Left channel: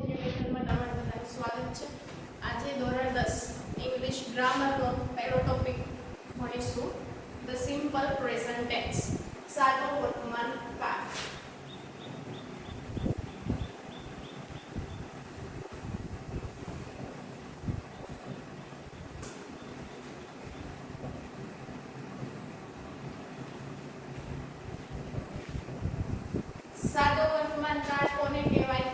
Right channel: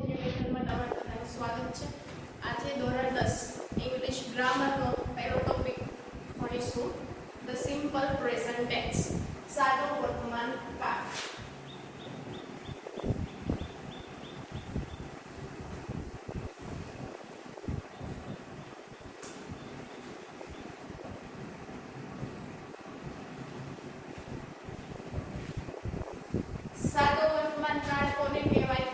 એજ્યુકેશનમાં તમારું બધાનું સ્વાગત છે. આજે ધોરણ 10 ઇંગ્લિશ ગ્રામરનો પહેલો ટોપિક ભણીશું, ધ સિમ્પલ પ્રેઝન્ટ ટેન્સ, સાદો વર્તમાન કાળ. સાદો વર્તમાન કાળ કોને કહેવાય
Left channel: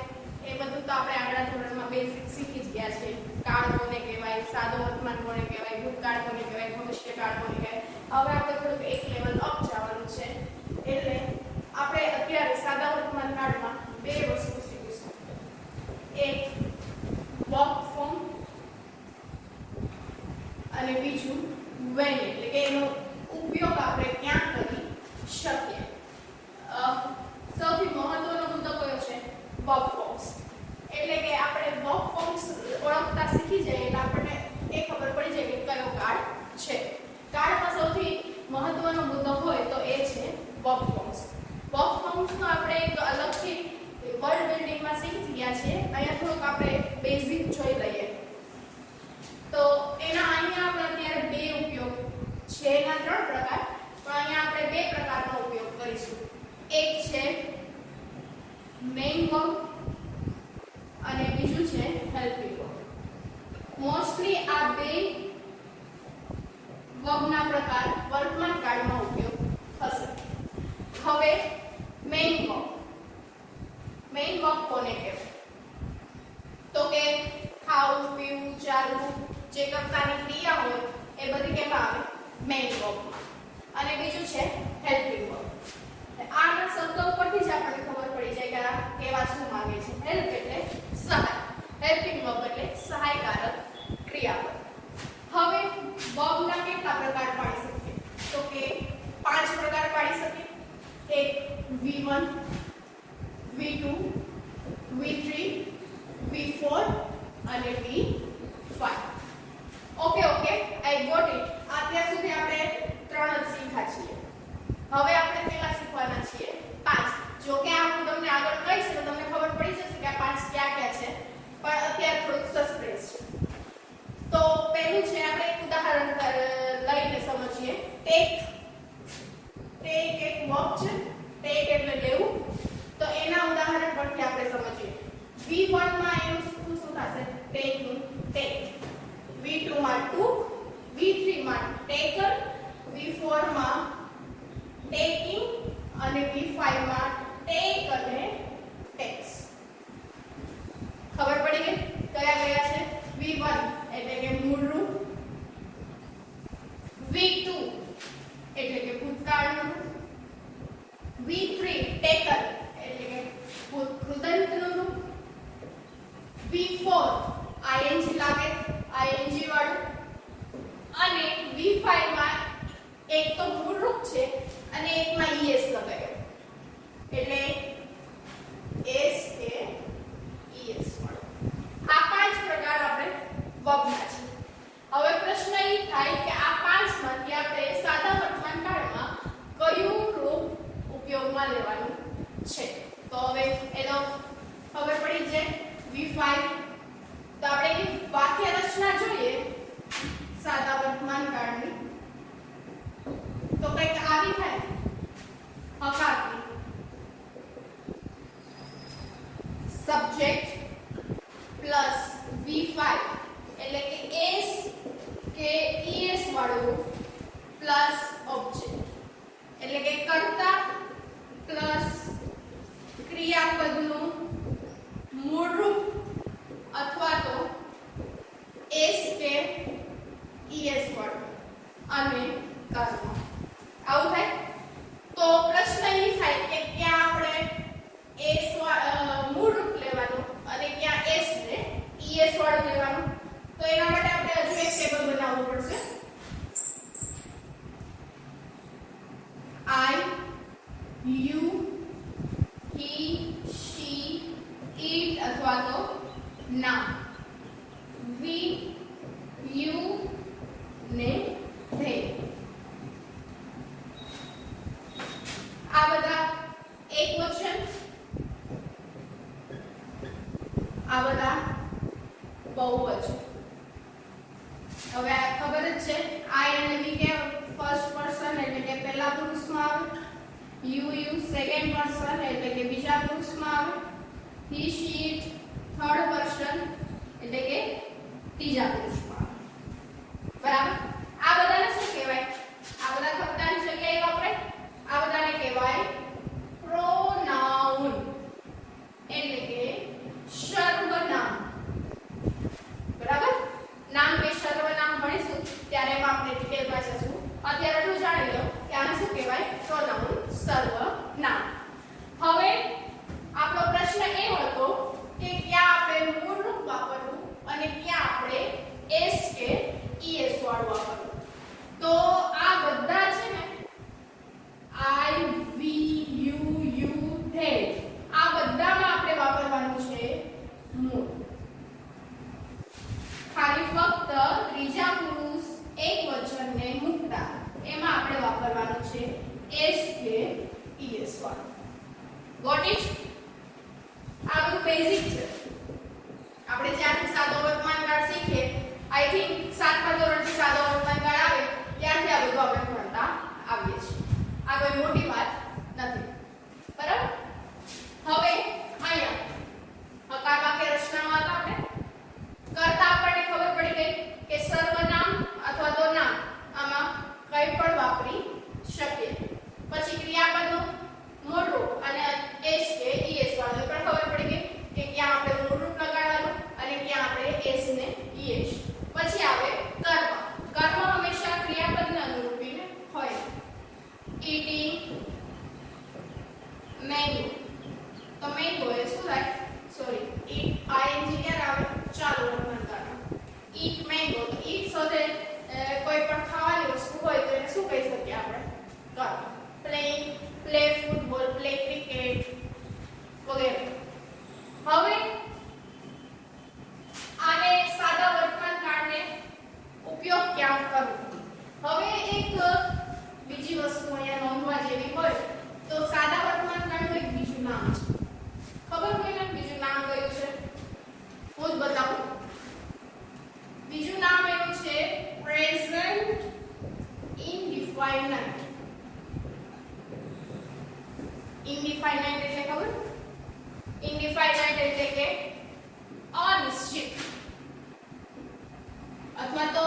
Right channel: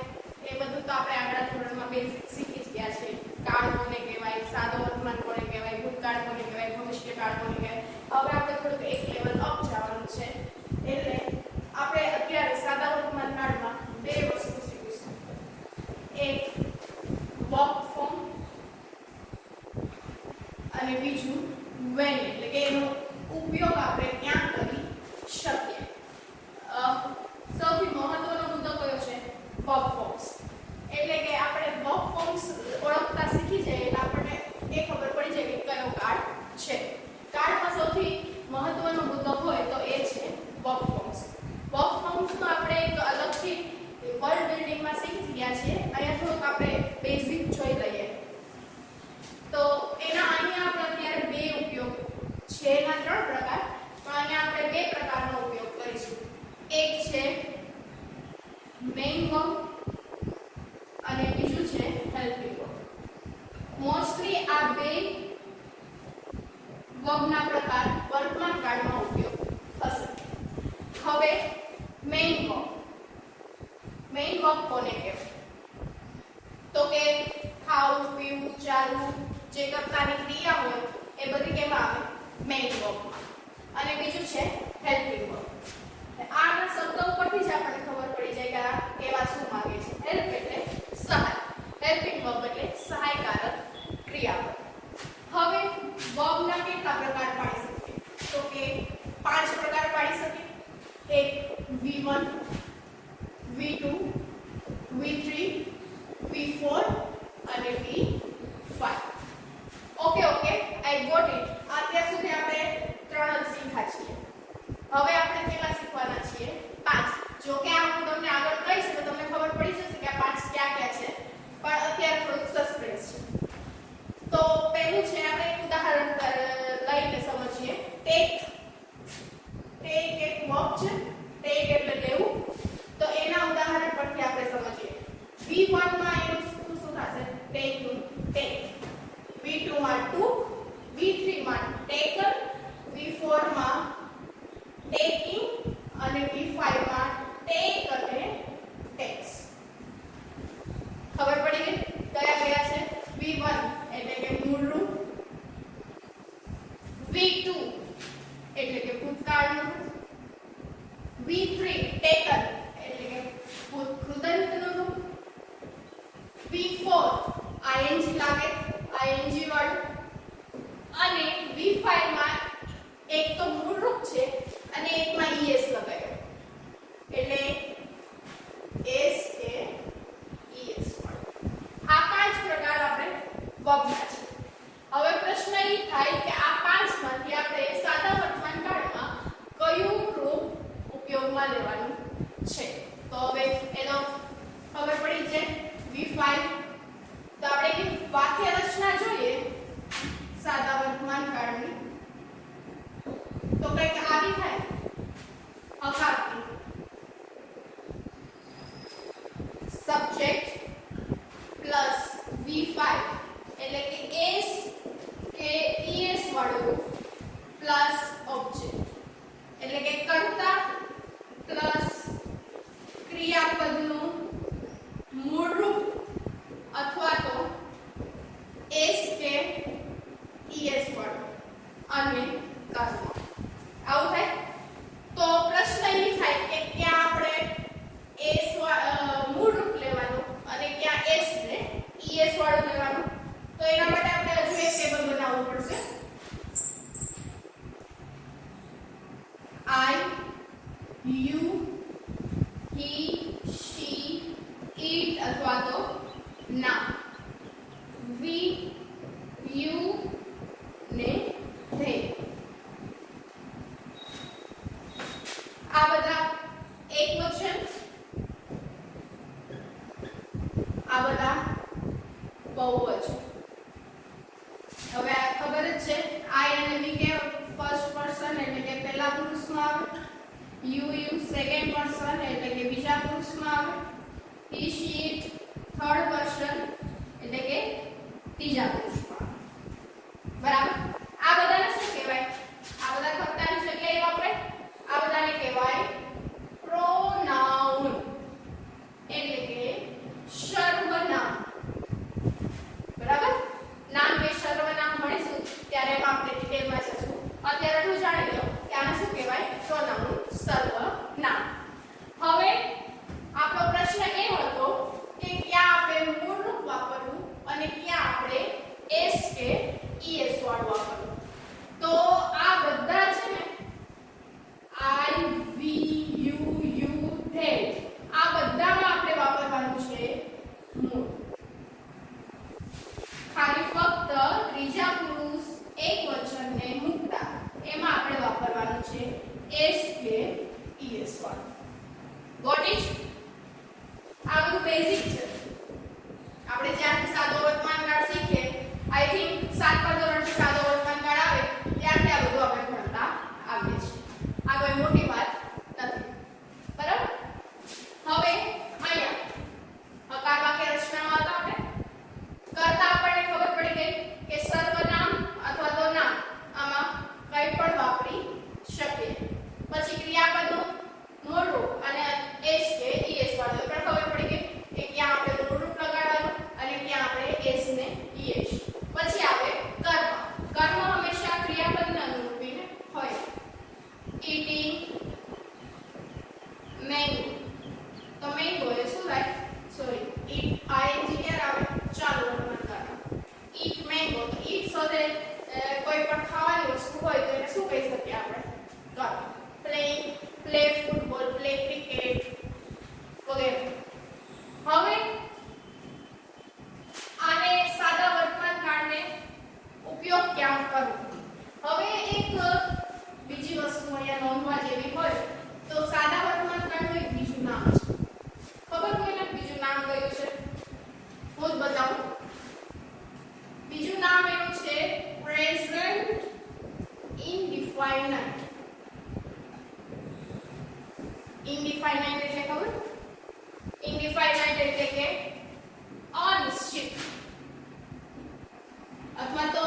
એ બધું તો આપણે આગલા ધોરણમાં બેઝિક શીખી જ ગયા છે. કાળ કોને કહેવાય, સાદો વર્તમાન કોને કહેવાય, ભૂતકાળ કોને કહેવાય, ભવિષ્યકાળ કોને કહેવાય. હવે આપણે થોડુંક એક લેવલ અપ જવાનું છે. એટલે આપણે અત્યારે સાદા વર્તમાન કાળમાં બે વસ્તુ શીખીશું. એક વર્બ ફોર્મ અને બીજું વેન, એટલે કે એનો ઉપયોગ આપણે ક્યાં કરી શકીએ. સૌથી મહત્વનો મુદ્દો કયો છે? Verb forms. એટલે કે આપણે વર્બ ફોર્મ્સ ઓળખતા શીખી જઈએ એટલે આપણને એ ખબર પડી જાય કે કયો કાળ છે. કાળમાં સૌથી મહત્વનો મુદ્દો હોય તો એ છે વર્બ ફોર્મ્સ. વર્બ ફોર્મ્સ તો આપણે એક અલગથી વર્ડ બિલ્ડિંગમાં શીખી ગયા છીએ. અહીંયા થોડુંક આપણે બેઝિક જોઈ લઈએ. તો એના અહીંયા આપણે અત્યારે બે ઉપયોગ છે. એના ત્રણ પ્રકાર, તો અહીંયા આપણે બે પ્રકારનો ઉપયોગ કરીશું. એક છે મેઇન વર્બ અને બીજું છે હેલ્પિંગ વર્બ. મોસ્ટલી આ બે વર્બના પ્રકાર વર્તમાન કાળમાં ઉપયોગ થશે. હવે મેઇન વર્બ. મેઇન વર્બ કોને કહેવાય? તો કે ખાવું, પીવું, ચાલવું, જે કરતાની ક્રિયા હોય એ બધી કેમાં આવે? મેઇન વર્બમાં. અને બીજું છે હેલ્પિંગ વર્બ. આના શબ્દો પરથી જ આપણને ખબર પડી જાય કે આ કેવા શું માંગે છે. હેલ્પ એટલે સહાય, હેલ્પિંગ વર્બ એટલે સહાયકારક ક્રિયાપદ. હવે વર્બના કેટલા પ્રકાર પાડી શકીએ? તો કે 5 પ્રકાર પાડી શકીએ. એક V1, V2, V3, V4 અને V5. Okay, I got it. અત્યાર સુધી આપણે 3 જ શીખ્યા છીએ. હવે આપણે કેવા શીખવાના છીએ? 5. જો કે આ હું તમને આગળ કહીશ તો તમને ખબર પડી જશે કે આ 5 ક્યાં છે, પણ અત્યારે થોડુંક સસ્પેન્સ છે. તો પહેલું છે, આપણે એક ઉદાહરણ લઈને સમજીએ. ટેક એક વર્બ છે. ટેક એટલે લેવું. તો એના ઉદાહરણ પરથી આપણે સમજીએ. V1 માં એનું શું થશે? Taking, tech. V2 માં ટુ, V3 માં ટેકન, V4 માં ટેકિંગ અને V5 માં ટેક અને ટેક્સ. ખબર પડી ગઈ કયા છે? V1 એટલે કે મૂળરૂપ, V2 એટલે કે ભૂતકાળનું રૂપ, V3 ટેકન એટલે કે કૃદંતનું રૂપ, V4 ing લાગે, ing વાળું, અને V5 માં એક તો મૂળરૂપ છે અને એકમાં es લગાવ્યો એટલે s કે es. આ 5 પ્રકાર આપણે વર્બના છે. હવે પ્રશ્ન એ થાય કે આ 5 માંથી આપણે સાદા વર્તમાન કાળમાં કયું રૂપ ઉપયોગમાં લેવાનું છે? તો હવે એનો ખબર પડી છે V5. તો આપણે એની વાક્ય રચના જોઈએ સાદા વર્તમાન કાળની. તો કંઈક આવી થાય હકારની. સબ્જેક્ટ પ્લસ V5 એટલે કે s કે es વાળું પ્લસ ઓબ્જેક્ટ એટલે કે કર્તા પ્લસ ક્રિયાપદનું મૂળરૂપ અથવા તો s કે es વાળું અને કર્તા. આવું થાય તો પ્રશ્ન એ થાય કે ક્યાં આપણે s મૂળરૂપ લેવાનું અને ક્યાં s ને es વાળું લેવાનું. તો એના માટે આપણે હજુ એક ટેબલ બનાવવું પડશે. I, you, he, she, it અથવા તો ના, we, you ને they. આ બધા એક વચન, આ છો. હવે આ ખબર જ છે I અને we કે ફર્સ્ટ પર્સન એટલે કે પહેલા પુરુષમાં આવે, you સેકન્ડ પર્સન એટલે કે બીજા પુરુષમાં આવે, he she it third person એટલે કે ત્રીજા પુરુષમાં આવે. બરાબર. આ બધાને શું કહેવાય? આ બધા કર્તાની જગ્યાએ વાપરે. આ બધાને કહેવાય પ્રોનાઉન એટલે કે સર્વનામ. બરાબર. નામ કે સર્વનામ ભણીશું ત્યારે આપણે ડિટેલમાં જશું. અત્યારે તો જાણી લો કે આને શું કહેવાય? પ્રોનાઉન, સર્વનામ. હવે આપણો પ્રશ્ન એ હતો કે ક્યાં આપણે મૂળરૂપ વાપરવું અને ક્યાં આપણે એસ કે ઈએસ વાળું વાપરવું. તો આ બધા છે ને I we you they આ બધામાં આપણે વાપરવાનું છે મૂળ. ખાલી ફક્ત ત્રીજા પુરુષ એકવચનને મૂકતા એમાં આપણે વાપરવાનું છે એસ કે ઈએસ વાળું. વોટ ઇઝ આ બધું બેઝિક છે. આપણે જ્યાંથી સાદો વર્તમાનકાળ શીખીએ, આઈ થિંક 7મા ધોરણથી સાદો વર્તમાનકાળ આવે ત્યારથી આ બધું આપણે ભણતા આવીએ છીએ. આ કોઈ મોટી વાત નથી. બરાબર. હવે અહીંયા હકાર વાક્ય રચનામાં આપણે કરતા આપણને ખબર પડી ગઈ કે સર્વનામ અથવા તો નામ આમાં કંઈ પણ વાપરી શકીએ. પછી ક્રિયાપદો મૂળરૂપ અને એસ કે ઈએસ વાળું પણ ખબર પડી ગઈ કે ક્યાં આપણે મૂળરૂપ લગાડવાનું અને ક્યાં આપણે એસ ને ઈએસ. પછી આવે કર્મ. કર્મ હંમેશા ક્રિયાપદને અનુરૂપીને હોય. eating mango. તો mango એ શું થાય? સોરી, eat ing ક્યારે આવે? ચાલુ વર્તમાનકાળ. eat mango. તો eat સાથે કોઈ પણ ખાવાની વસ્તુ હોય તો એને શું કહી શકીએ આપણે? કર્મ. play ફૂટબોલ, play ક્રિકેટ વગેરે. હવે આને સાદા વર્તમાનકાળને ઉપયોગ ક્યાં કરવો? હવે એક બીજી વસ્તુ અહીંયા નોંધવા જેવી હોય તો સાદા વર્તમાનકાળનું એક બીજું નામ છે. ખબર કોઈને બીજું નામ કયું છે? હું જ બતાવું. બીજું નામ એનું છે પ્રેઝન્ટ ઇનડિફાઇનાઇટ. ઇનડિફાઇનાઇટ એટલે ખબર? ઇનડિફાઇનાઇટ એટલે કે અનિશ્ચિત અથવા તો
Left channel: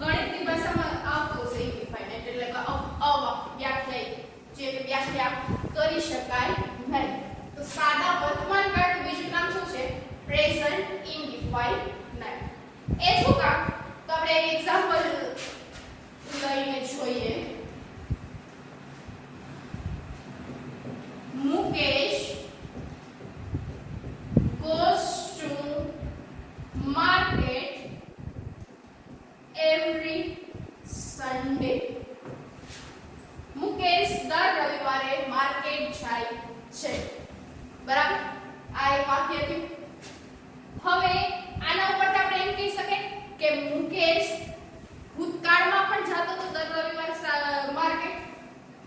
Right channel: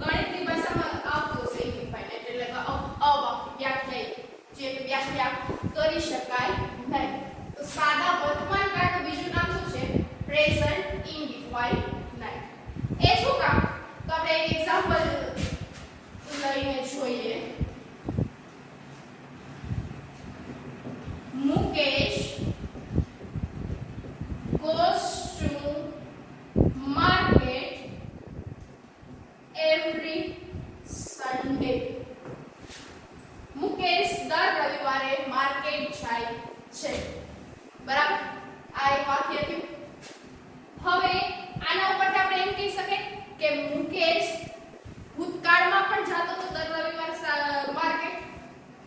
ગણિતની ભાષામાં આવતું છે ઇનડિફાઇનાઇટ એટલે કે અવ્યાખ્યાયિત, જે વ્યાખ્યા કરી શકાય નહીં. તો સાદા વર્તમાનકાળનું બીજું નામ શું છે? પ્રેઝન્ટ ઇનડિફાઇનાઇટ. એ શું કામ? તો આપણે એક એક્ઝામ્પલ લઈને જોઈએ. Mukesh goes to market every Sunday. Mukesh દર રવિવારે માર્કેટ જાય છે. બરાબર. આ એક વાક્ય થયું. હવે આના ઉપરથી આપણે એમ કહી શકીએ કે મુકેશ ભૂતકાળમાં પણ જતો હતો દર રવિવારે માર્કેટ,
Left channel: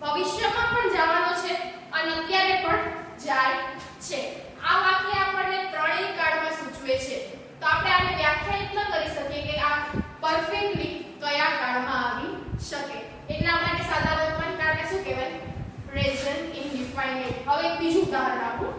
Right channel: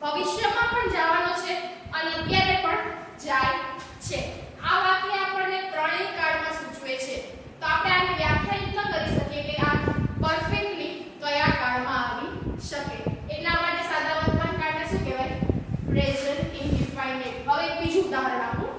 ભવિષ્યમાં પણ જવાનો છે અને અત્યારે પણ જાય છે. આ વાક્ય આપણને ત્રણેય કાળમાં સૂચવે છે. તો આપણે આને વ્યાખ્યાયિત ન કરી શકીએ કે આ પરફેક્ટલી કયા કાળમાં આવી શકે. એટલા માટે સાદા વર્તમાનકાળને શું કહેવાય? પ્રેઝન્ટ ઇનડિફાઇનાઇટ. હવે એક બીજું ઉદાહરણ આપું.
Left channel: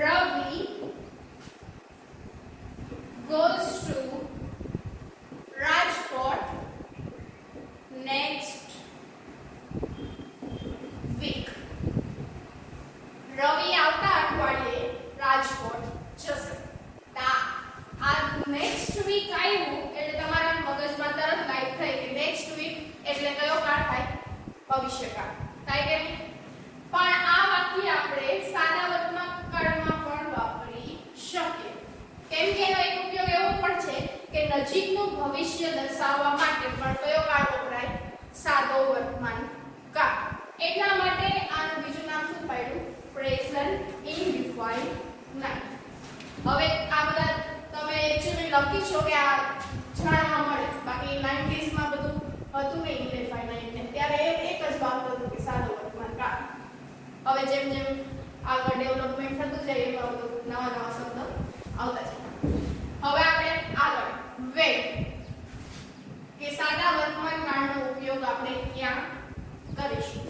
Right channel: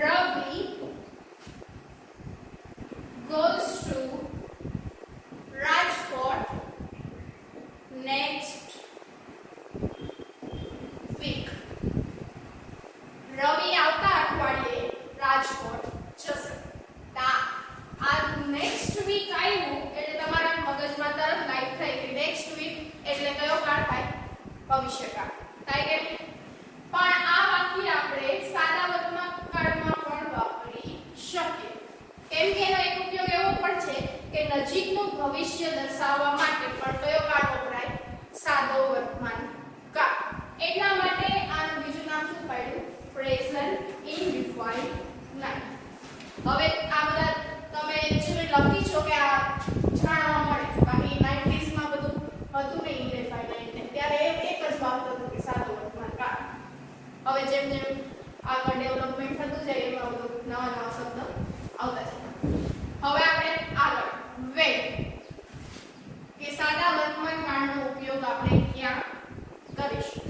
Ravi goes to Rajkot next week. રવિ આવતા અઠવાડિયે રાજકોટ જશે. આ નેક્સ્ટ વીક આવ્યું એટલે તમારા મગજમાં તરત લાઈટ થઈ કે નેક્સ્ટ વીક એટલે કયો કાળ થાય? ભવિષ્યકાળ થાય કે નહીં? પણ આ વાક્ય આપણે સાદા વર્તમાનકાળમાં પણ વાપરી શકીએ. કેમ કે એનો એક ઉપયોગ એવો પણ છે કે નજીકનું ભવિષ્ય દર્શાવવા માટે પણ કયો કાળ વપરાય? સાદો વર્તમાનકાળ. એટલા માટે આનું બીજું નામ શું પાડ્યું? પ્રેઝન્ટ ઇનડિફાઇનાઇટ. હવે આ બધા તમે જે લખી છો કે આ હતું ને ઇન્ડેફાઇનાઇટ ને ત્યારે એક જ બાબત હતું કે સાદો વર્તમાન કાળ. હવે જેમ જેમ આગળ ડેવલપમેન્ટ થતું જાય એમાં નવા નવા શબ્દો આવતા જાય. હવે આપણે આગળ વેટ કે સાદા વર્તમાન કાળનો ઉપયોગ આપણે ક્યાં કરીશું.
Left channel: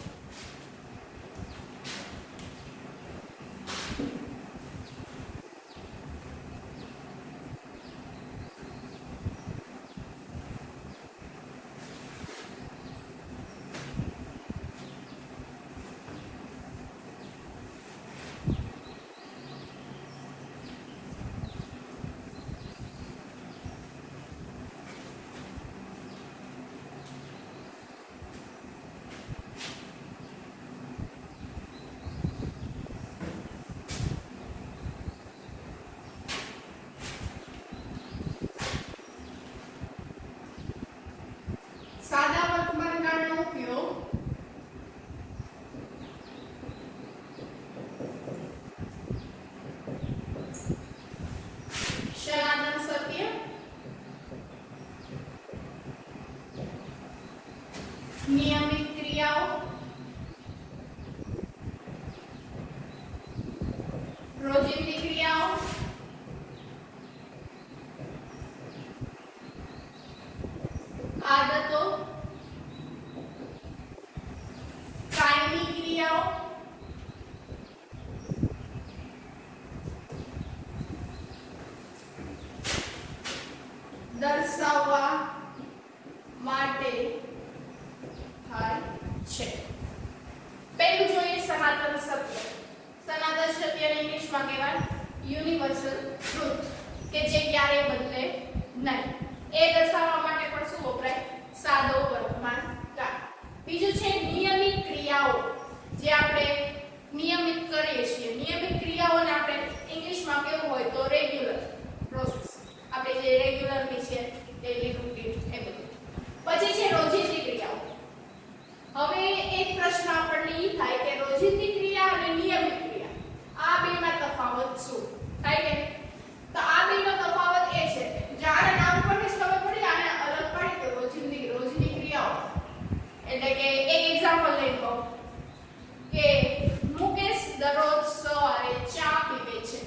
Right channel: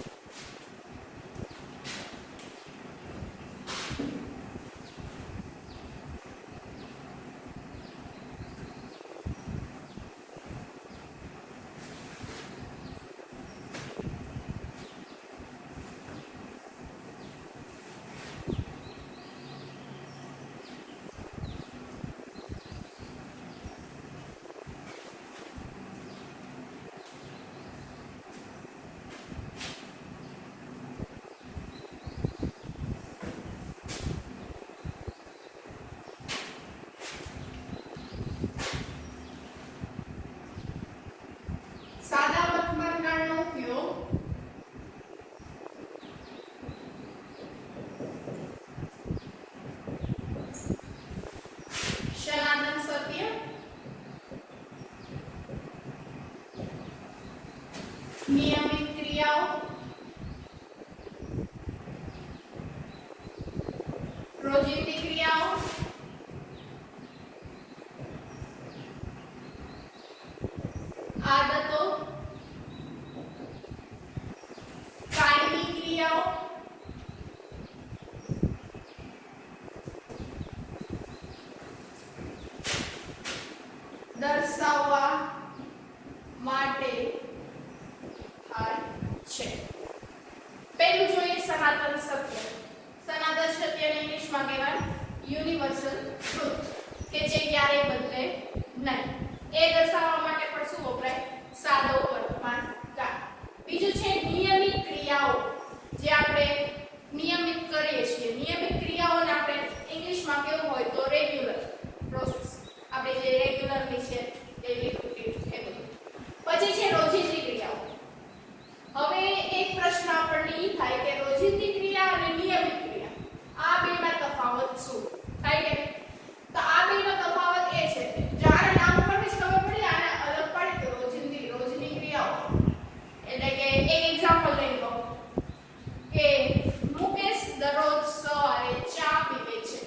નિયમિત ક્રિયાઓ, રોજિંદી ક્રિયાઓ, આદતો, કાયમી ક્રિયાઓ, દર્શાવવા માટે છે. પહેલું જોઈએ સનાતન સત્ય. સનાતન સત્યને ઇંગ્લિશમાં કહેવાય યુનિવર્સલ ટ્રુથ કે જે ક્યારેય બદલે નહીં. એ દર્શાવવા માટે પણ શું વપરાય? સાદો વર્તમાન કાળ. બીજું છે નિયમિત ક્રિયાઓ, જે આપણે નિયમિત કરીએ છીએ. નિયમિત ક્રિયાઓને આપણે ઇંગ્લિશમાં કેવું હોય તો રેગ્યુલર પ્રોસેસ. આપણે જે રેગ્યુલરની છે ડેઈલી રૂટીન એ બધું. પછી છે રોજિંદી ક્રિયાઓ. હવે એક પ્રશ્ન આપણને એ થાય કે રોજિંદી ક્રિયા અને નિયમિત ક્રિયા આ બેમાં તફાવત શું થાય કે? તો આ બેનો તફાવત એ છે જ્યારે નામ પરથી જ ખબર પડી આને અલગ પડી તો રોજિંદી ક્રિયાઓ. એટલે કે એક એક્ઝામ્પલ લઈ લો કે મુકેશ દરરોજ સવારે ચા પીવે છે.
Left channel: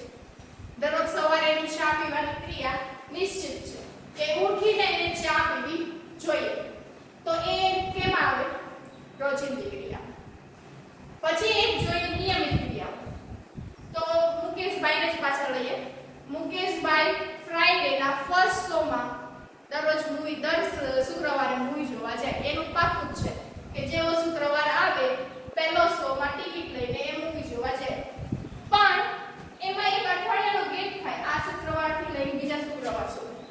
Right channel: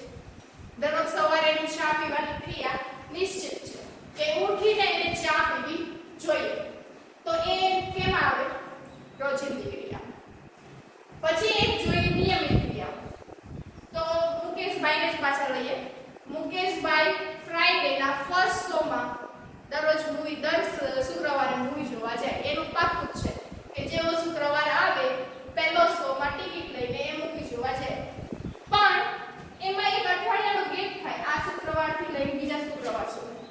દરરોજ સવારે એની ચા પીવાની ક્રિયા નિશ્ચિત છે કે ઉઠીને એને ચા પીવી જોઈએ. તો એ કેમ આવે? રોજિંદી ક્રિયા. પછી એક જોઈએ નિયમિત ક્રિયાઓ. તો મુકેશભાઈને જ પાછળ લઈએ. મુકેશભાઈ ફ્રાઈડેના ફર્સ્ટ શોમાં દરરોજ દર શુક્રવારે મૂવી જોવા જાય. એનું પાક્કું છે કે જેવો શુક્રવાર આવે પહેલો શોમાં ટિકિટ લઈને એ મૂવી જોવા જાય. પણ એમાં એક અઠવાડિયાનો ગેપ થાય આ શુક્રવારથી લઈને બીજા શુક્રવાર સુધી.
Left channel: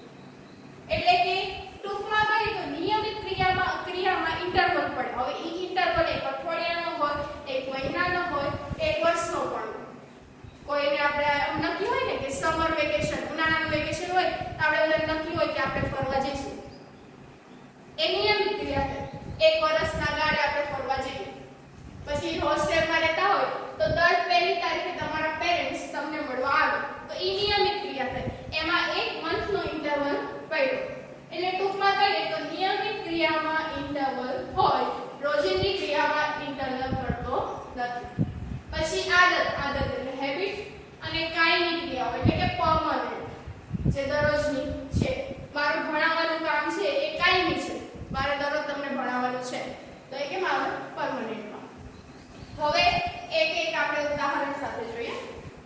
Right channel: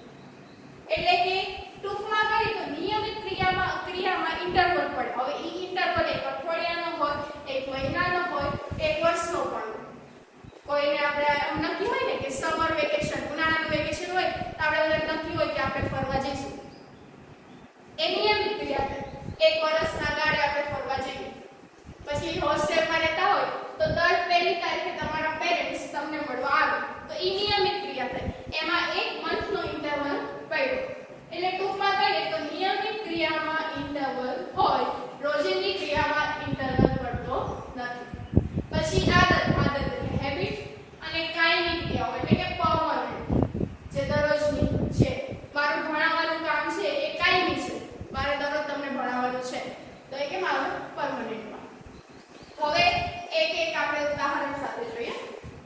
એટલે કે ટૂંકમાં કહીએ તો નિયમિત ક્રિયામાં ઇન્ટરવલ પડે. હવે ઈ ઇન્ટરવલ એક અઠવાડિયાનો હોય, એક મહિનાનો હોય, એક વર્ષનો પણ. કોઈને આપણે નક્કી હોય ને કે સમર વેકેશન, ઉનાળાનું વેકેશન હોય તો આપણે બધા નક્કી હોય કે આપણે ફરવા જઈશું. એ નિયમિત ક્રિયા છે. એક વર્ષના ગાળે આપણે ફરવા જઈએ. પછી હોસ્ટેલમાં રહેતા હોય તો દર પહેલી તારીખે તમારા પેરેન્ટ્સ તમને મળવા આવે તો ઈ નિયમિત ક્રિયા થાય. એમાં એક મંથનો ઇન્ટરવલ પડ્યો. એટલે ટૂંકમાં કહીએ તો નિયમિત ક્રિયામાં ઇન્ટરવલ હોય, રોજિંદી ક્રિયામાં ઇન્ટરવલ પડતો નથી. પછી આદત એટલે હેબિટ, અને કાયમી ક્રિયાઓ એટલે કે પરમનન્ટ, જે દરરોજની છે. મારું ભણાવવાનું કામ છે એ કાયમી છે, મારે દરરોજ તમને ભણાવવાનું છે તો એ કેમ આવે? પરમનન્ટમાં. હવે એક એક આપણે ઉદાહરણ સાથે જોઈએ.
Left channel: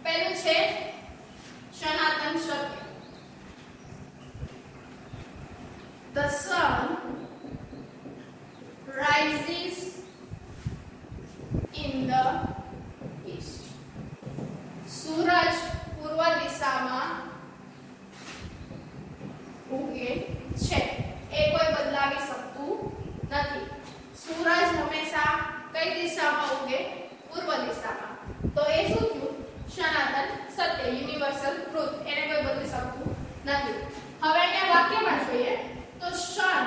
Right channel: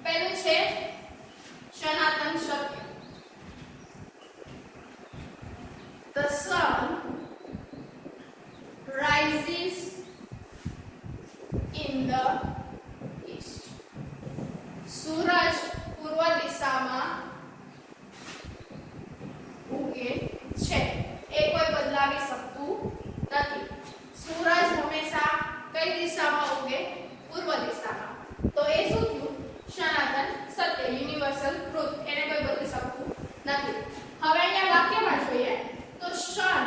પહેલું છે સનાતન સત્ય. The sun rises in the east. સૂરજ પૂર્વ દિશામાં ઉગે છે. એ કોઈ બદલાવી શકતું નથી. સૂરજ હંમેશા કઈ દિશામાં ઉગે? પૂર્વ દિશામાં. તો એ શું થયું? સનાતન સત્ય, યુનિવર્સલ ટ્રુથ. એને કોઈ બદલી શકતું નથી. હવે અહીંયા વાક્યમાં જોઈએ તો sun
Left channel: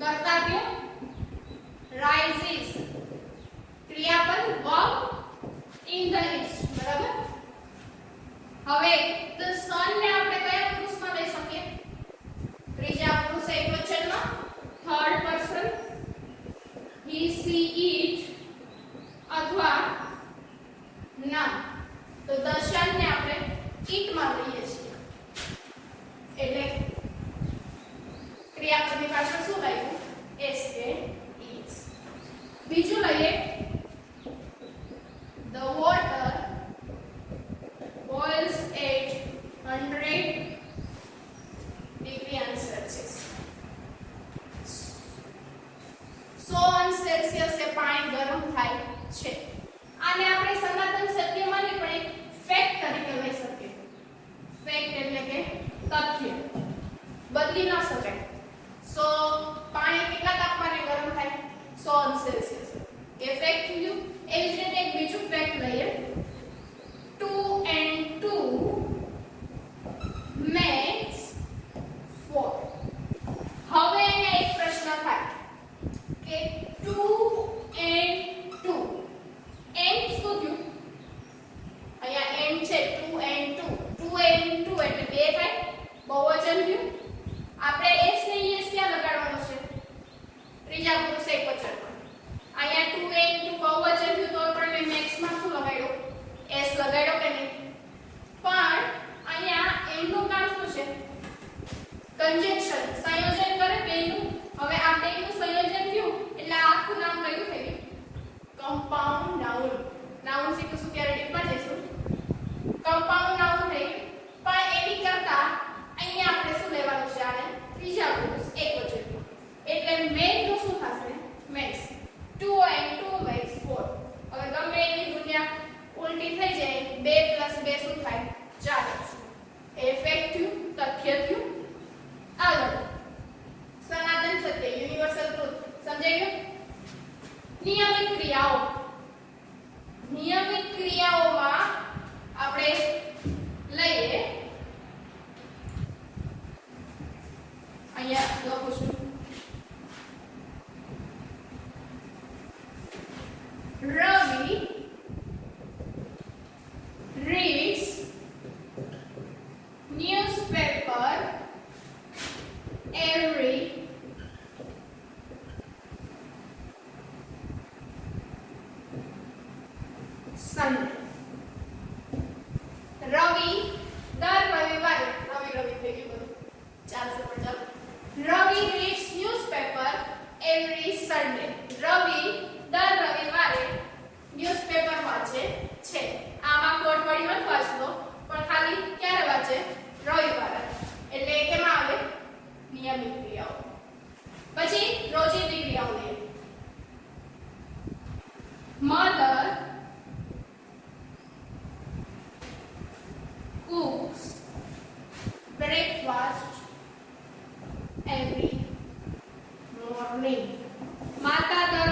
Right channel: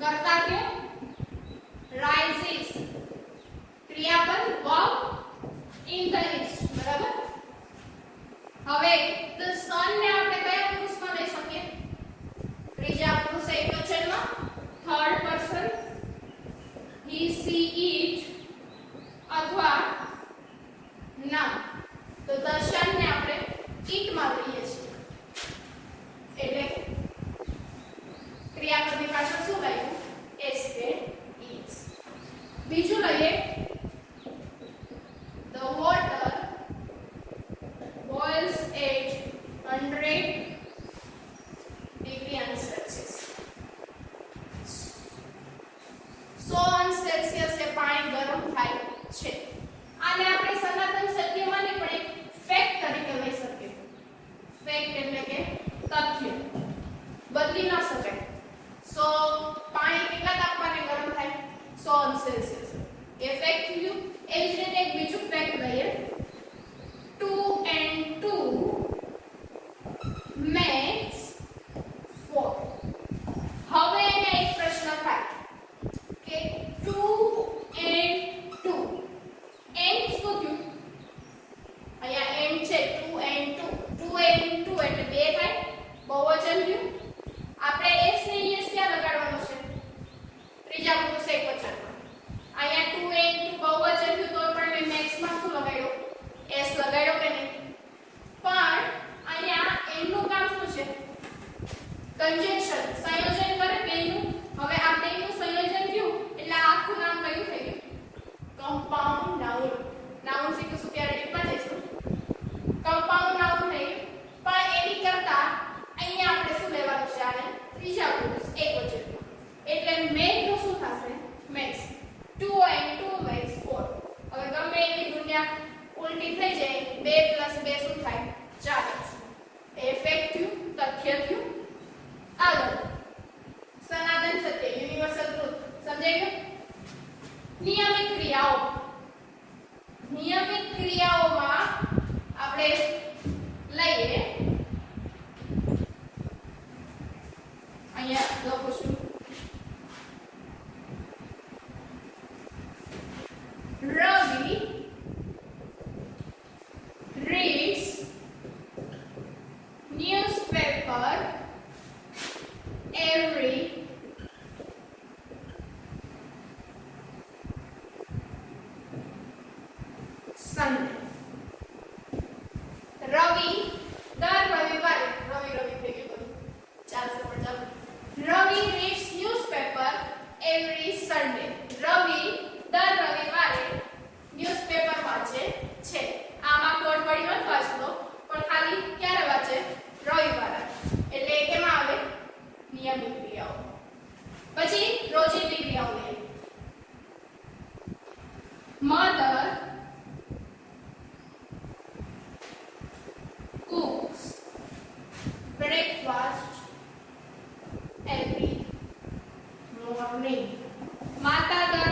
કરતા કે rises ક્રિયાપદ verb in the east. બરાબર. હવે તો sun ને આપણે કયા પુરુષમાં લઈ શકીએ? ત્રીજા પુરુષ એકવચનમાં, થર્ડ પર્સન સી ઈટ અથવા ના. તો દર્શનને આપણે ઈટ માં લઈએ છીએ એટલે ક્રિયાપદની પાછળ શું લાગ્યું એસ કે ઈટ્સ. બીજું લઈએ the water boils at 100 degree Celsius. 100 Celsius એ પાણી ગરમ થાય છે. આને આપણે સનાતન સત્યમાં નહીં પણ એક ફેક્ટ તરીકે લઈ શકીએ. ફેક્ટ એટલે કે તથ્ય બદલી ન શકાય. પાણી કેટલા તાપમાને ગરમ થાય 100 સેલ્સિયસ એ ફેક્ટ થયું. એ જ રીતે એક બીજું ફેક્ટ લઈએ 2 and 2 makes 4. હવે એને એક પ્રશ્ન થાય કે 2 and 2 એમ શું થયું અહીંયા એમ છે 2 and 2 2 and 2 એટલે બે થાય બહુવચન થયું. આપણે એસ ને એસ ક્યાં લગાડવાનો છે ત્રીજા પુરુષ એકવચન. અહીંયા 2 and 2 બહુવચન થયું તો પણ મેં મેક્સ માં શું લગાડ્યો એસ લગાડ્યો કે નહીં. પણ અહીંયા એમનું કામ શું છે કન્જક્શન સંયોજન કરે બેનું. હવે આ બેનું સંયોજન થયું એટલે આખું નામ કયું થયું કમ્પાઉન્ડ નાઉન. નાઉન શીખીશું ત્યારે ડીપમાં જઈશું. કમ્પાઉન્ડ નાઉન થયું પણ એની કરતા અહીંયા આપણે શું લેવાનું છે આને ત્રીજા પુરુષ એકવચન એટલે મેક નું શું થશે મેક્સ 2 and 2 makes 4. હવે ગમે એની દુનિયા ઉલટી થઈ જાય 2 + 2 શું થાય 4x. ઇફેક્ટિવ તથ્ય થયું. આગળ સનાતન સત્ય યુનિવર્સલ ટ્રુથ સમજાઈ ગયું. નિયમિત ક્રિયાઓ. નિયમિત ક્રિયાઓમાં આપણે લઈએ અહીંયા લખું છું Ravi reads newspaper every Sunday. Ravi દર રવિવારે રવિ થઈ ગયું ચાલશે પણ ચાલો. Ravi reads newspaper every Sunday. રવિ દર રવિવારે ન્યૂઝપેપર વાંચે છે. આમાં કોડ પડી નથી વાંચતો પણ ખાલી ક્યારે વાંચે રવિવારે એટલે કેમાં આવે નિયમિત ક્રિયાઓ. પછી રોજિંદી ક્રિયાઓ લઈએ. Mother cooks breakfast every morning. માતા દર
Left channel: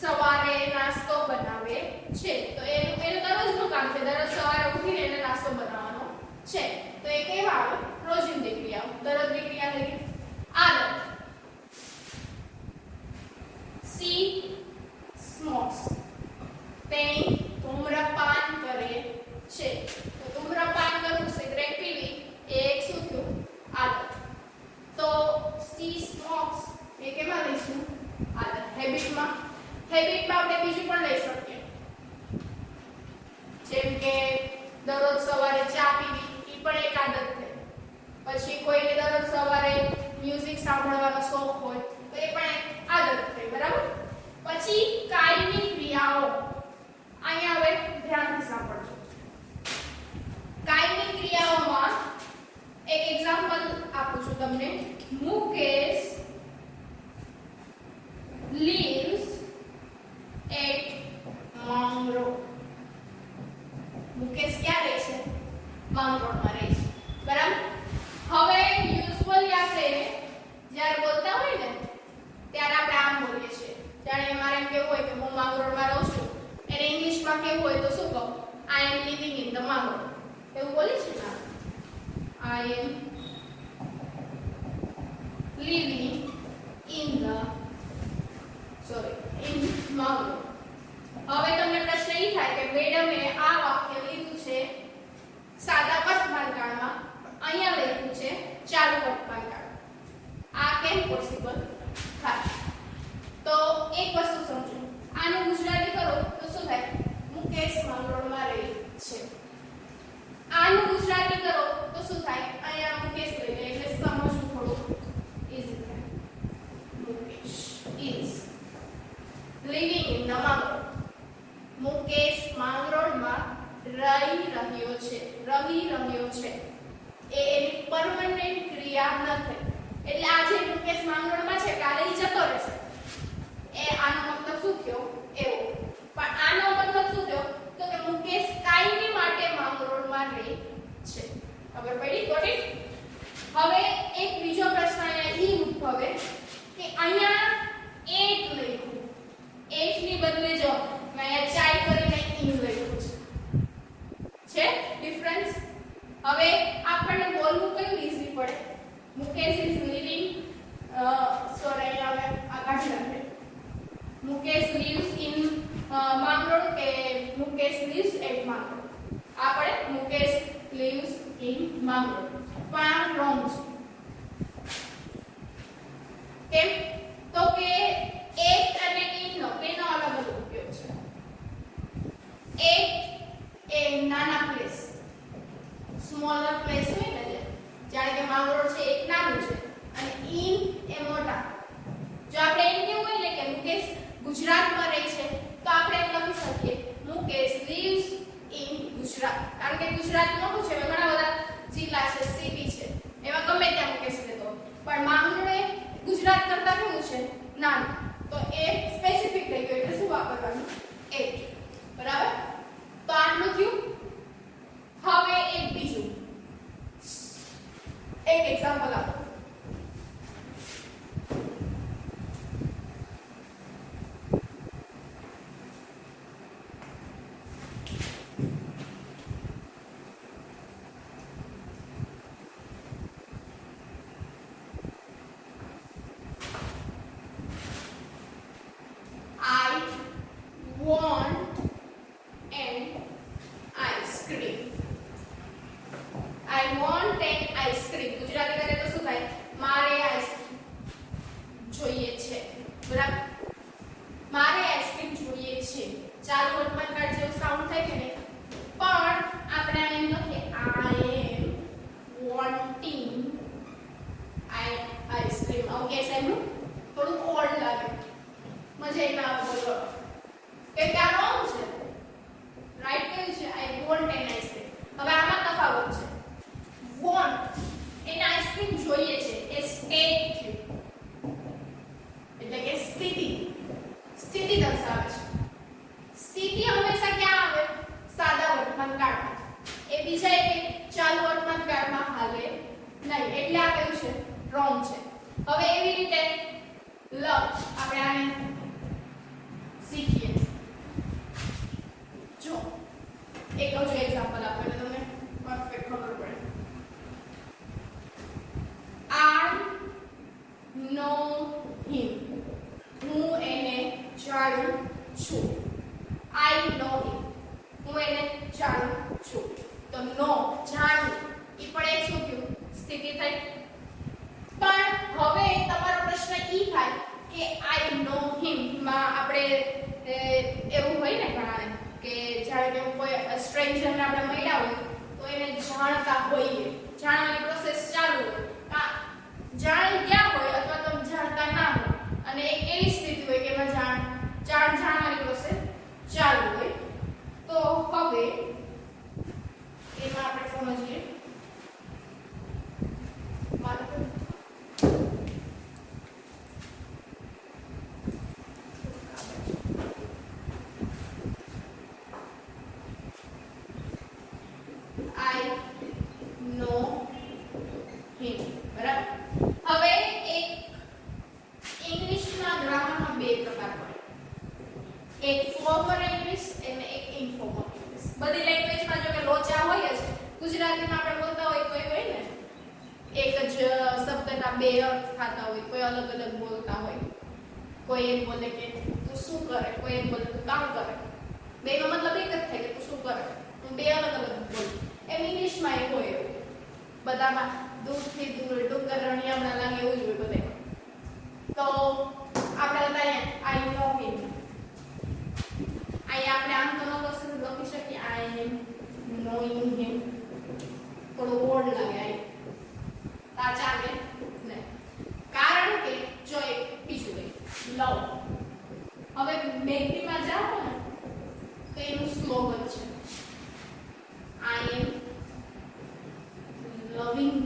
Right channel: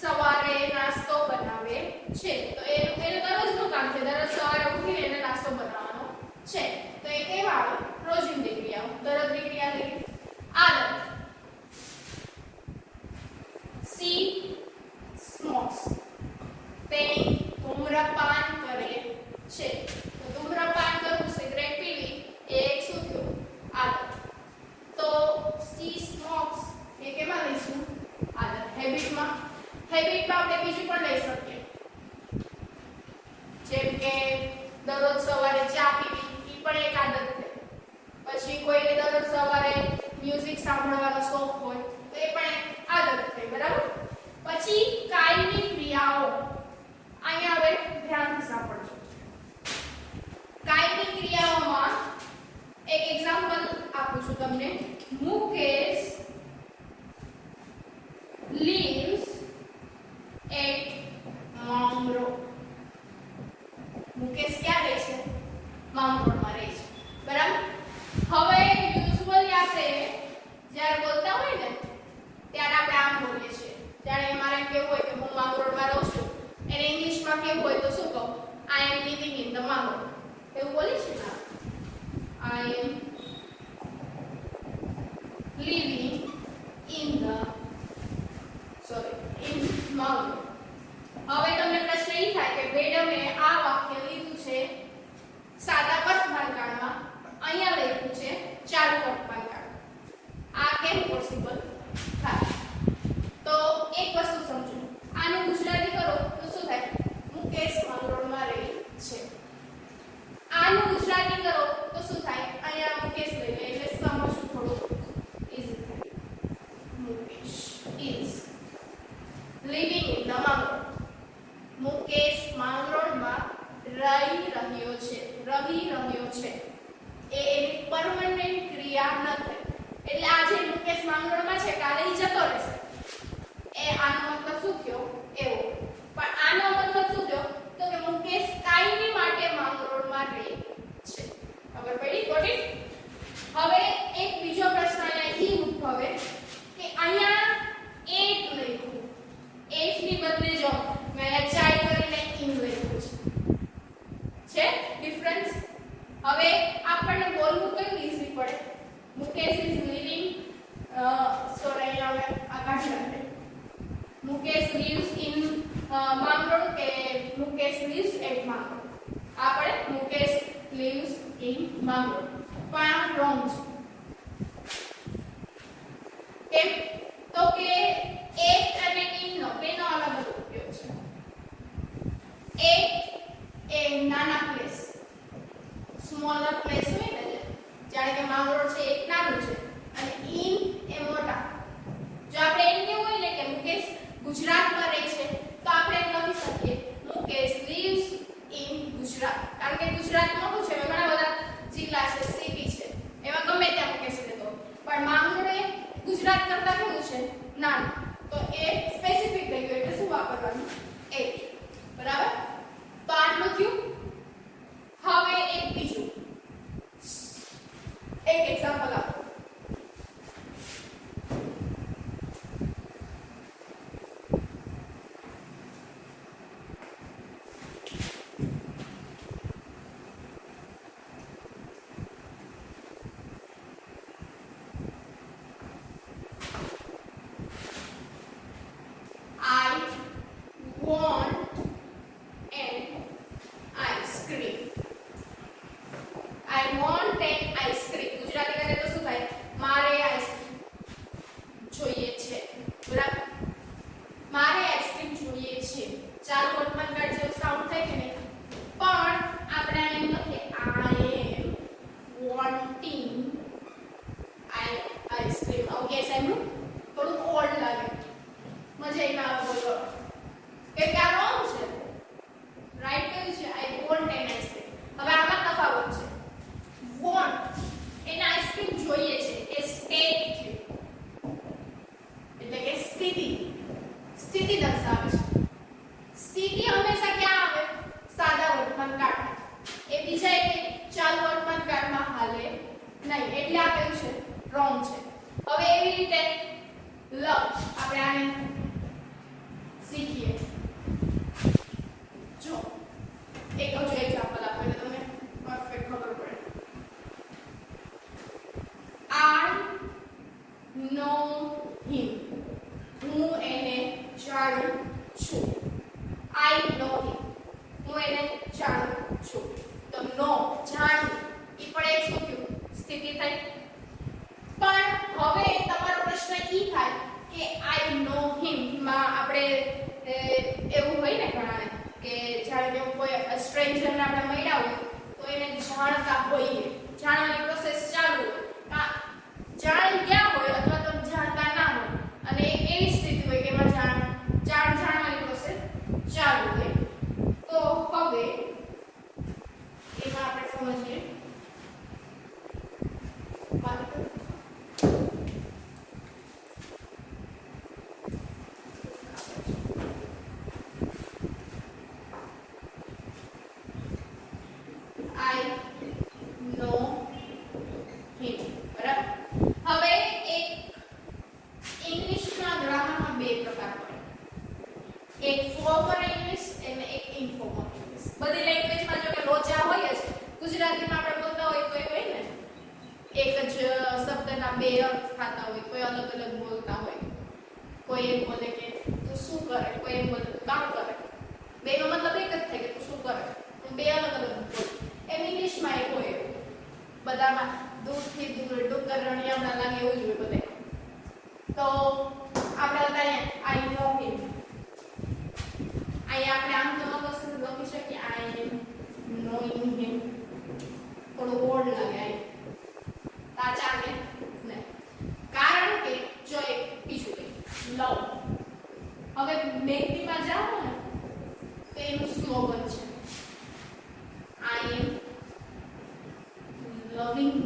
સવારે નાસ્તો બનાવે છે. તો એનું દરરોજનું કામ છે. દરરોજ સવારે ઉઠીને એને નાસ્તો બનાવવાનો છે. તો એ કેવા આવે રોજિંદી ક્રિયાઓ. દરરોજની ક્રિયા લઈએ. આગળ સી સ્મોક્સ તેણી ધૂમ્રપાન કરે છે. તો ધૂમ્રપાન કરવું સિગરેટ પીવી એ એક શું થયું આગળ. તો સી સ્મોક્સ એ કેમાં લઈશું આગળ હેબિટમાં. હેબિટમાં આપણે બીજું પણ લઈ શકીએ જેમ કે દરરોજ સવારે ચા પીવી એ પણ એક આદત છે. પછી કોઈને દરરોજ સવારે મ્યુઝિક સાંભળવાનો શોખ હોય તો એ પણ એક આદત છે. બરાબર. પછી કાયમી ક્રિયાઓ. અહીંયા હવે ધ્યાનથી સાંભળજો. કાયમી ક્રિયાઓમાં એક એક્ઝામ્પલ આપું છું તમને. Mukesh lives at Mangrol. મુકેશ ક્યાં રહે છે માંગરોળમાં રહે છે. બરાબર. હવે યુઝ્યુઅલી આપણે જ્યારે બોલતા હોય ને ત્યારે આપણે આમ બોલીએ છીએ. જ્યારે મારે એમ કેવું હોય કે હું માંગરોળમાં રહું છું એને ઇંગ્લિશમાં કેવું હોય તો શું કહું I am living in the Mangrol. એવું બોલી છે ને I am living in Mangrol. હવે તમને પ્રશ્ન એ થાય કે મેડમે આ વાક્ય લીધું છે સાદા વર્તમાનકાળમાં અહીંયા લખ્યું છે ચાલુ વર્તમાનકાળ. આ કેમ પોસિબલ થાય? તો એક વસ્તુ સમજો. આનું ગુજરાતી કરો તો શું થાય? મુકેશ માંગરોળમાં રહે છે. આનું ગુજરાતી કરો તો શું થાય? અહીંયા મુકેશ લઈને એટલે સમજવું થોડું ઈઝી થાય. Mukesh is living in the Mangrove. Mukesh માંગરોળમાં રહી રહ્યો છે. એ એની પરમનન્ટ ક્રિયા નથી. એટલે આ જે મુકેશ માંગરોળમાં છે કાલે ઈ જતો રહેશે. એ આનો મતલબ શું થયો? એવો. પણ આનો મતલબ શું થયો? તો કે મુકેશ કાયમી માટે માંગરોળમાં રહે છે. ખબર પડી? Got it? હવે એક બીજો પ્રશ્ન અહીંયા ઈ ઉદ્ભવે કે અહીંયા એટ લખ્યું. એટ ની બદલે જો મેં ચાઈ કરીને ઇન લખ્યું છે ડિફરન્સ. હવે આપણને બોલવું કયું ઈઝી પડે? મુકેશ ઇઝ લિવિંગ સોરી હવે આ કાઢી નાખે. મુકેશ lives in Mangrove કે મુકેશ lives at Mangrove? આપણે મુકેશ lives in Mangrove. પણ wrong છે. કેમ? તો કે એક અને in નો બેનો અલગ અલગ ઉપયોગ છે. એક એ નાના પ્લેસ સ્મોલર પ્લેસ હોય ને, જાણે કે માંગરોળ છે એક નાનું છે અને in એ મોટા. જો આપણે એમ કેવું હોય ને કે મુકેશ ગુજરાતમાં રહે છે તો આપણે એમ લખી શકીએ મુકેશ lives in ગુજરાત. કારણ કે ગુજરાત મોટું છે, ઘણા બધા જિલ્લા છે, સિટી છે, એમાં ગમે ત્યાં મુકેશ રહેતો. પણ માંગરોળ એ ગુજરાત કરતા કેવું છે? નાનું. તો એ સ્પેસિફિક થઈ ગયું એટલે શું વાપરવાનું? એક. બરાબર? તો આટલું થયું. હવે એક બીજું એક એક્ઝામ્પલ આપો. એવું હોય ને ઘણાને કે જ્યારે કે કોઈ સ્ટ્રેન્જરને આપણે મળ્યા હોય તો એને જાણતા હોઈએ, જાણવાની પ્રોસેસ ચાલુ હોય, જાણી ગયા હોય અથવા તો જાણતા ના હોય અને એક એવી સ્થિતિ હોય કે એમાં જાણવાની પ્રોસેસ ચાલુ હોય. તો હવે એમાં આપણે સમજીએ બે અર્થ થતા હોય, કોઈ અલગ અલગ બોલતા હોય, કોઈ એમ બોલે કે તું શું કરે, કોઈ એમ બોલે તું કામ કરે, બેનો મતલબ એક જ થાય કે તું શું કરે, બે અલગ અલગ બોલે. એમ ઇંગ્લિશમાં એક હોય બધામાં દૂરથી દૂર ડુંગર રણિયામણા લાગે એવું જ હોય બધે. તો આપણે ત્યાં આઈ નો હિમ અહીંયા આપણે આમ તો ન લખી શકીએ આઈ એમ નોઈંગ હિમ થોડું ઓડ લાગે આ ચાલે ને કારણ કે જો એક બીજું લવ હવે મેકીમાં જાઓ ને એનું સ્લોગન છે આઈ એમ લવિંગ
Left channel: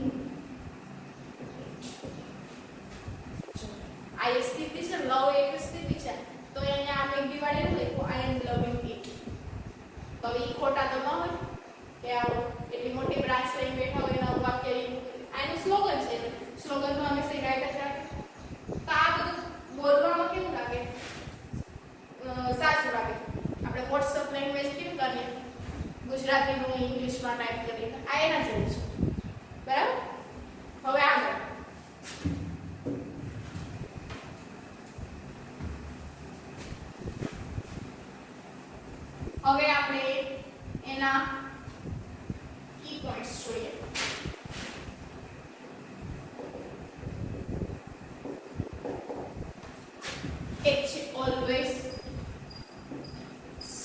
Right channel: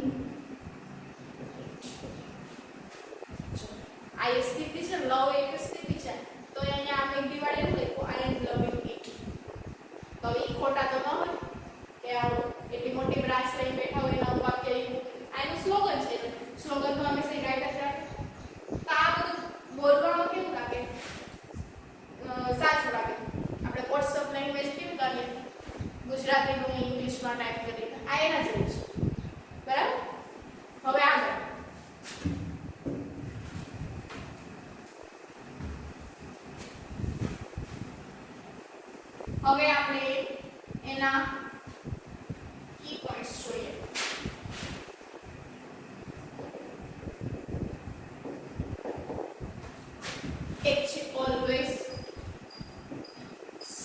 આ એ સ્થિતિ છે લવ એક સ્થિતિ છે તો એને આપણે દિવાળી ન લખો આઈ એમ લવિંગ ઇટ તો એ ખોટા તો ન હોય કે એટલી મોટી બ્રાન્ચ લઈને બેઠા હોય એના વાક્ય આનું સ્લોગન છે સ્લોગનમાં અમે સે રાઈટ રાખે તો આ બધું બોલવામાં કેવું લાગે સાચું લાગે આપણે વોટ્સઅપ લેંગ્વેજ કેમ કરીએ ગુજરાતીનું ઇંગ્લિશમાં ટાઈપ કરીએ આ એના જેવું છે બરાબર હવે આગળ હવે આપણે એના કી પોઈન્ટ્સ જોઈએ એક છે ઓલવેઝ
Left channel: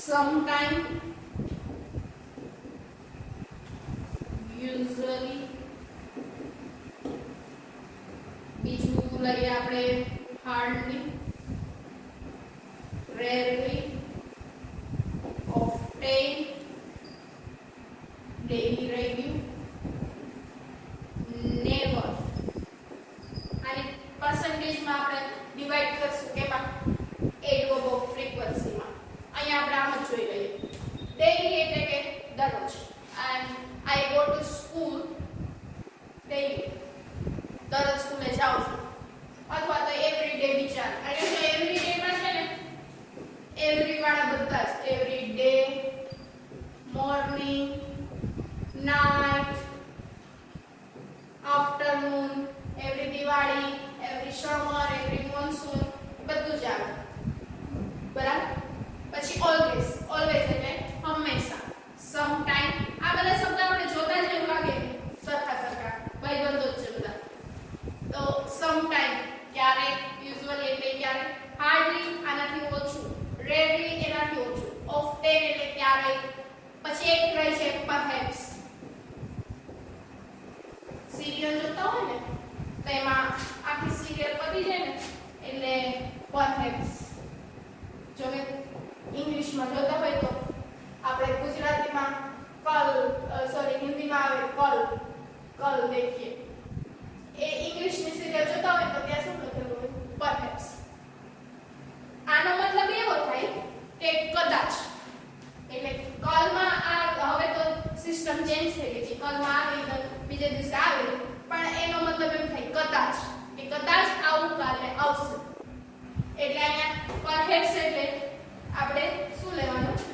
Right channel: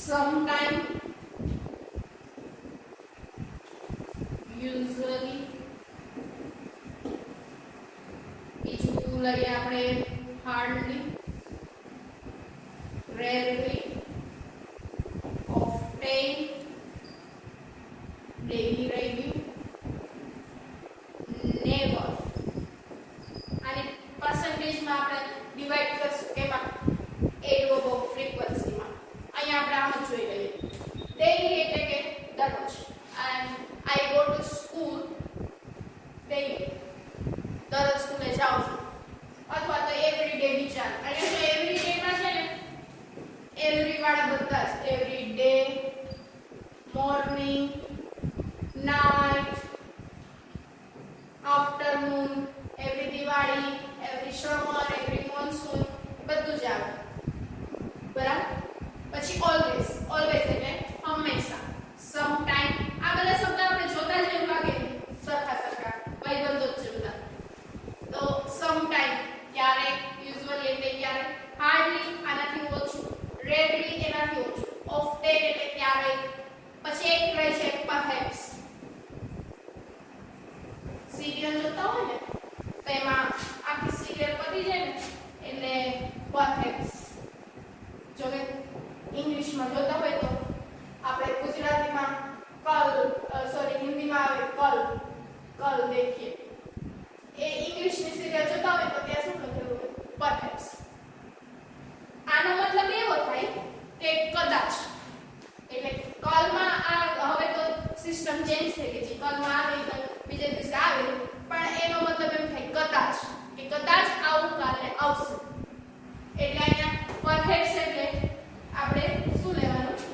સમટાઈમ યુઝ્યુઅલી બીજું લઈએ આપણે hardly rarely often daily review never અને percentage માં આપણે ડિવાઇડ કરશું એમાં એડવર્બ ઓફ ફ્રીક્વન્સી માં અહીંયા આપણે આમ જ જોઈ લઈએ ડેઈલી એટલે કે દરરોજ and I go to school daily દરરોજ સ્કૂલે જાઉં છું અથવા તો એવરી ડે વિચાર અહીંયા એવરી ડે માં છે ને એવરી વાળા બધા જ every day morning night afternoon every Diwali every summer every monsoon બધું જ આવે બરાબર પછી ઓલવેઝ ઓલવેઝ એટલે હંમેશા સમ ટાઈમ આ બધા શબ્દ આપણે જોતા જ એવું લાગે સરખા સરખા ભાઈબંધો જ જોતા તો સમ ટાઈમ ક્યારેક યુઝ્યુઅલી એટલે ક્યારેક હાર્ડલી આનાથી ઓછું રેરલી એનાથી ઓછું ઓફટેન એટલે ક્યારેક પછી એક રહે છે પરહેપ્સ સિરિયલ જોતા હોય ને તો એમાં આખી સિરિયલ પતી જાય ને એટલે પરહેપ્સ જો કે ઇંગ્લિશમાં જોતા હોય તો આપણે ગુજરાતીમાં હિન્દીમાં આવે કલ દેખીએ એ ઇંગ્લિશની સિરિયલ જોતા હોય તો ત્યાં શું લખેલું હોય પરહેપ્સ આનો મતલબ એવો થાય કે કદાચ એટલે કલમાં આ હવે તો સિસ્ટમ ચેન્જ થઈ ગઈ છે કલમાં આવે તો બીજે દિવસે આવે પણ એનો મતલબ એમ થાય કદાચ કે કદાચ આવું કાલે આવશે એટલે અહીંયા પરહેપ્સ એટલે આપણે શું લેવાનું